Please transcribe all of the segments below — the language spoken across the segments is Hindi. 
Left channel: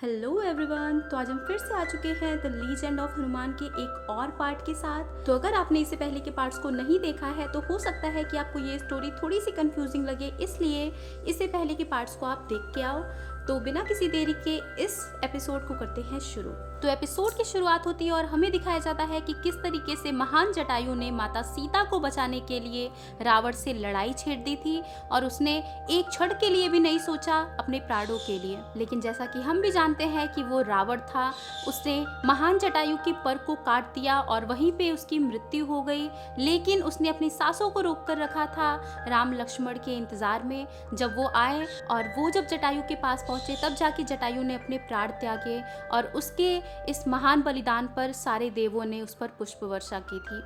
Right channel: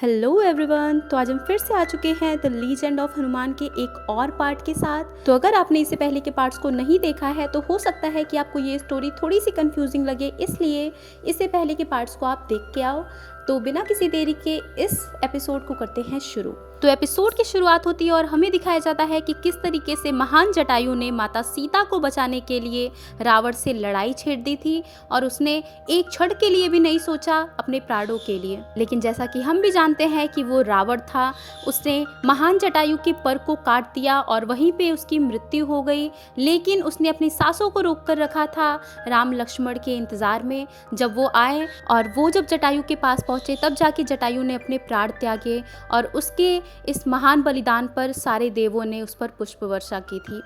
Hello everyone. तो आज हम फिर से आ चुके हैं द लीजेंड ऑफ हनुमान के एक और पार्ट के साथ। तो अगर आपने इससे पहले के पार्ट्स को नहीं देखा है तो हो सकता है कि आपको ये स्टोरी थोड़ी सी कंफ्यूजिंग लगे, इसलिए इससे पहले के पार्ट्स को आप देख के आओ। तो बिना किसी देरी के इस एपिसोड को करते हैं शुरू। तो एपिसोड की शुरुआत होती है और हमें दिखाया जाता है कि किस तरीके से महान जटायु ने माता सीता को बचाने के लिए रावण से लड़ाई छेड़ दी थी और उसने एक क्षण के लिए भी नहीं सोचा अपने प्राणों के लिए। लेकिन जैसा कि हम भी जानते हैं कि वो रावण था, उसने महान जटायु के पर को काट दिया और वहीं पे उसकी मृत्यु हो गई। लेकिन उसने अपनी सांसों को रोक कर रखा था राम लक्ष्मण के इंतजार में। जब वो आए और वो जब जटायु के पास पहुंचे तब जाके जटायु ने अपने प्राण त्यागे और उसके इस महान बलिदान पर सारे देवों ने उस पर पुष्प वर्षा की थी।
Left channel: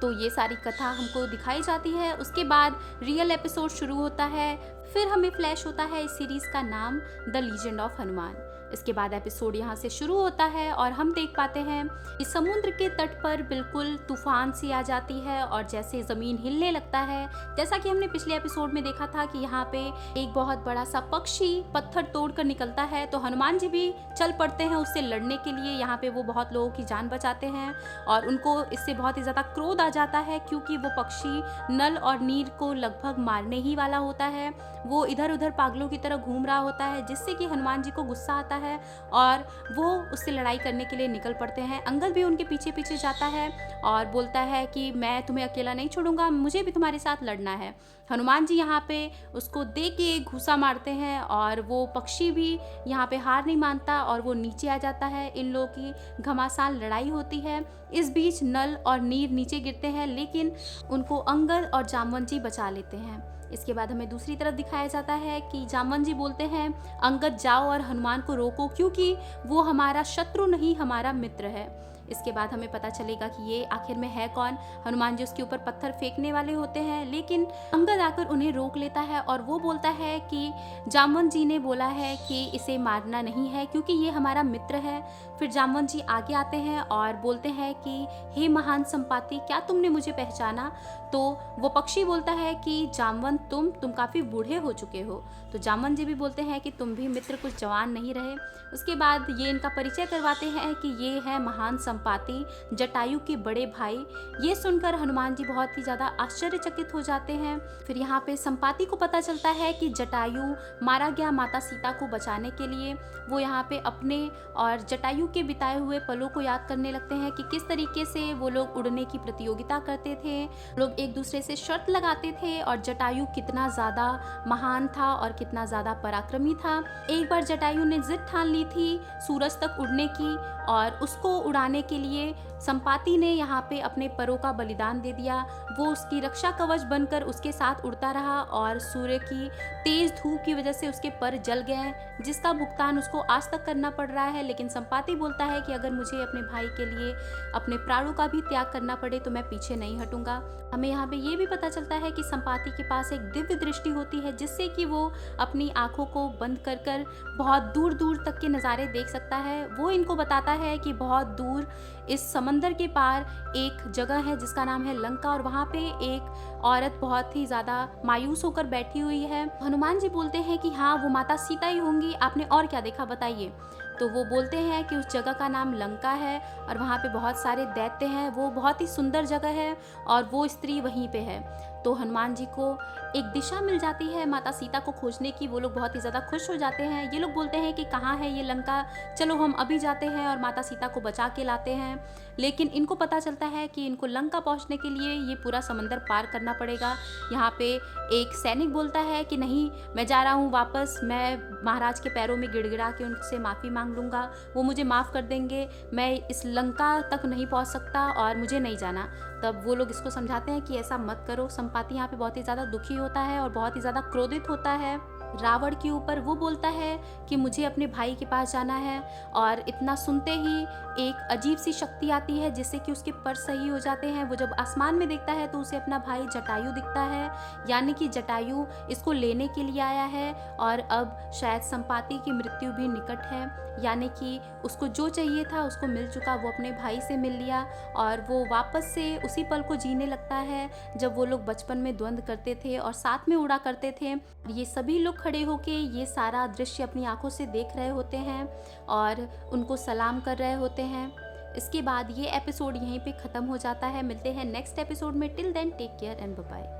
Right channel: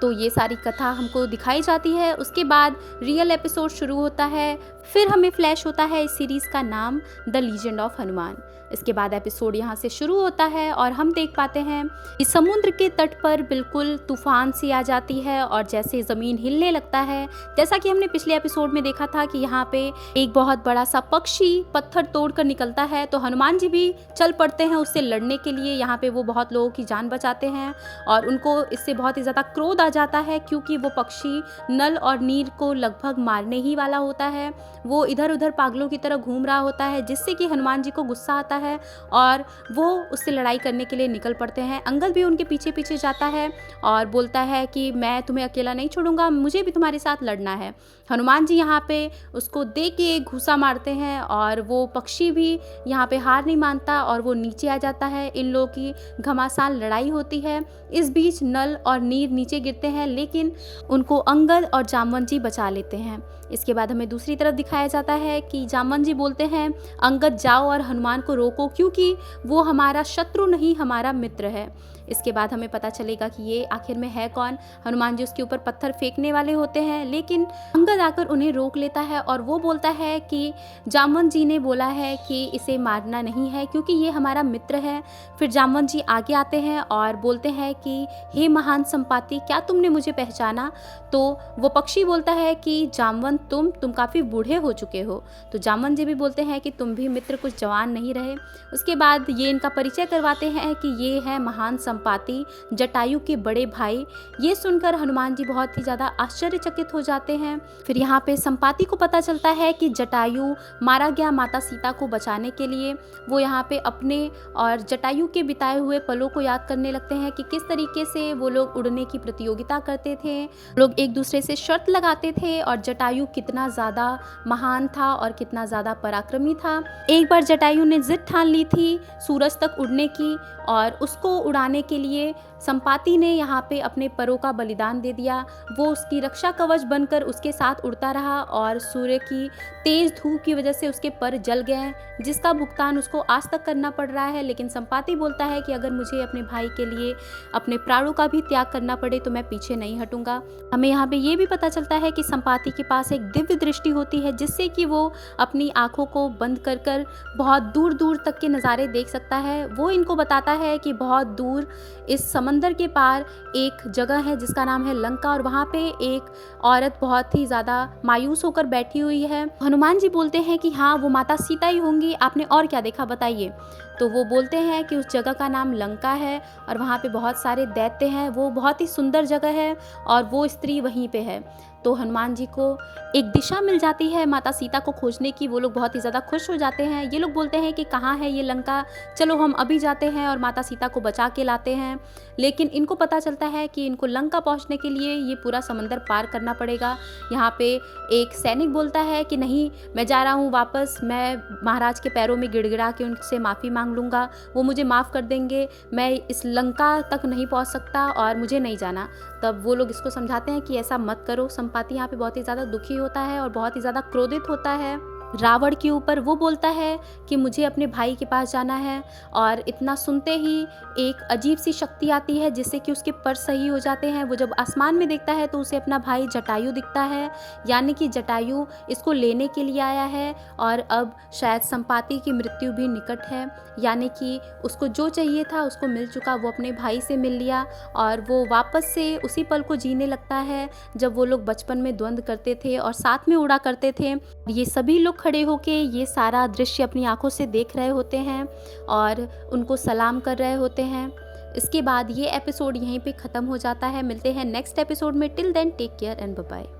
तो ये सारी कथा हमको दिखाई जाती है। उसके बाद रियल एपिसोड शुरू होता है। फिर हमें फ्लैश होता है इस सीरीज का नाम द लीजेंड ऑफ हनुमान। इसके बाद एपिसोड यहाँ से शुरू होता है और हम देख पाते हैं इस समुद्र के तट पर बिल्कुल तूफान सी आ जाती है और जैसे ज़मीन हिलने लगता है। जैसा कि हमने पिछले एपिसोड में देखा था कि यहाँ पे एक बहुत बड़ा सा पक्षी पत्थर तोड़कर निकलता है, तो हनुमान जी भी चल पड़ते हैं उससे लड़ने के लिए। यहाँ पे वो बहुत लोगों की जान बचाते हैं और उनको इससे बहुत ही ज़्यादा क्रोध आ जाता है क्योंकि वो पक्षी नल और नीर को लगभग मारने ही वाला होता है। वो इधर उधर पागलों की तरह घूम रहा होता है, जिससे कि हनुमान जी को गुस्सा आता है और वो उससे लड़ाई करने के लिए निकल पड़ते हैं। अंगद भी उनके पीछे पीछे जाता है और बोलता है कि मैं तुम्हें अकेला नहीं छोड़ूंगा, मुझे भी तुम्हारे साथ लड़ना है। हनुमान जी यहाँ पे उसको दे के घूसा मारते हैं और वो पक्षी भी यहाँ पे हार नहीं मानता और वो नीचे आ जाता है। इन लोगों की घमासान लड़ाई होती है। इस बीच नल और नीर नीचे गिरते हैं, लेकिन उनको अंगद और जामवंत जी बचा लेते हैं। इसके बाद हमें दूसरी तरफ दिखाया जाता है कि जामवंत जी बोलते हैं अंगद जाओ और हनुमान को रोको, क्योंकि वो हमारा शत्रु नहीं हमारा मित्र है। इसके बाद हमें पता चलेगा कि ये आखिर में है कौन। हनुमान जी उसके ऊपर पत्थर फेंकने वाले होते हैं, लेकिन अंगद आकर उन्हें रोक लेता है और वो बोलता है कि जामवंत जी ने बोला है कि इसे मारना नहीं है क्योंकि ये हमारा मित्र है। फिर जामवंत जी आगे आते हैं और बोलते हैं कि हे महान संपाति, क्या तुमने मुझे पहचाना? तो वो पक्षी बोलता है कि जामवंत तुम काफ़ी बूढ़े हो चुके हो। तो जामवंत जी भी बोलते हैं कि तुम भी मित्र कुछ जवान नहीं रहे। उसके बाद ये इनका परिचय करवाते हैं कि ये है महान संपाति जटायु के बड़े भाई। ये सुनकर हनुमान जी बहुत ही ज़्यादा आश्चर्यचकित हो जाते हैं। फिर यहाँ पे संपाति को पता चलता है कि जटायु मारा गया माता सीता को बचाने के लिए। वो यहाँ पे अपने और जटायु के बिताए हुए पलों को याद करने लगते हैं कि किस तरीके से वो लोग उड़ने की प्रतियोगिता करते थे, लोग एक दूसरे से शर्त लगाते थे और जटायु कितना ज़्यादा महान था और कितना ज़्यादा पराक्रमी था। एक बार जटायु ने जिद ठान ली थी सूरज तक उड़ने की और उसको उड़ाने के लिए संपाति ने यहाँ पे अपने परों का बलिदान दे दिया। वो उसकी रक्षा कवच बनकर उसके साथ उड़ता रहा और सूर्य की तेज धूप की वजह से उसके पर जल गए, जिसका भुगतान उसको आज तक करना पड़ रहा है। लेकिन संपाति बोलता है कि अगर मुझे अपने भाई के लिए अपने प्राणों का भी त्याग करना पड़े तो मैं पीछे नहीं हटूंगा। हमें यहाँ पे ये भी पता चलता है कि संपाति के पास एक दिव्य दृष्टि होती है, जिससे कि वो अपनी आंखों को बंद कर कर बहुत दूर दूर तक के नज़ारे देख सकता है। वो इनको बताता है कि बहुत दूर इस समंदर के पार एक जगह है जिसका नाम है लंका और वहाँ पे एक औरत बहुत ही ज़्यादा मायूस होकर बैठी हुई है। हनुमान जी बोलते हैं कि हाँ, वो माता सीता ही होंगी, आपने और क्या देखा बताइए। तो वो बोलते हैं कि उस जगह का नाम लंका है और वहाँ पे बहुत सारे दैत्य हैं, वो बहुत ही सुंदर जगह है और वो स्त्री वहीं पे है। तो हनुमान जी को एक दिशा मिल जाती है माता सीता को खोजने की। वो लोग बहुत ही ज़्यादा खुश हो जाते हैं। ये लोग बोलते हैं कि कहाँ है ये लंका, चलो हम अभी जाते हैं और माता सीता को बचा के लाते हैं। लेकिन इनको पता चलता है कि इनको लंका पहुँचने के लिए ये पूरा समंदर पार करना पड़ेगा। यहाँ पे एक सैनिक बोलता है कि नहीं, मैं जा रहा हूँ वापस, मैं महाराज के पैरों में गिड़गिड़ा के उनसे माफ़ी मांग लूँगा, वो मुझे माफ़ कर देंगे, मैं इस लंका तक नहीं पहुँच सकता और मुझे नहीं जाना। तब वो लोग इसको समझाते हैं कि ऐसा मत करो। संपाति यहाँ पे बहुत ही ज़्यादा दुखी होता है और बहुत ही ज़्यादा क्रोधित होता है रावण के ऊपर। वो बोलता है कि मुझे अपने भाई के पास जाना है और इतना सुनते ही एक अजीब सी शक्ति आती है जिससे कि उसके पर सही हो जाते हैं। वो जब आसमान में देखता है तो उसे अपना भाई जटायु दिखता है, यानी कि जटायु इसको लेने के लिए आया है और अब शायद संपाति की मृत्यु भी निकट है, यानी कि उसको जो चाहिए था उसको मिल चुका। वो अपने भाई से मिल लिया और वो वापस से उसी पल को जीने लगता है जब वो लोग बचपन में द्वंद्व करते थे और साथ में उड़ा करते थे। ये सभी लोग खड़े होके ये सारा दृश्य अपनी आंखों से देख रहे होते हैं और उनको सलाम कर रहे होते हैं। इसके बाद ये एपिसोड यहीं पे ख़त्म हो जाता है। मिलते हैं नेक्स्ट एपिसोड में। Till then take care and bye bye.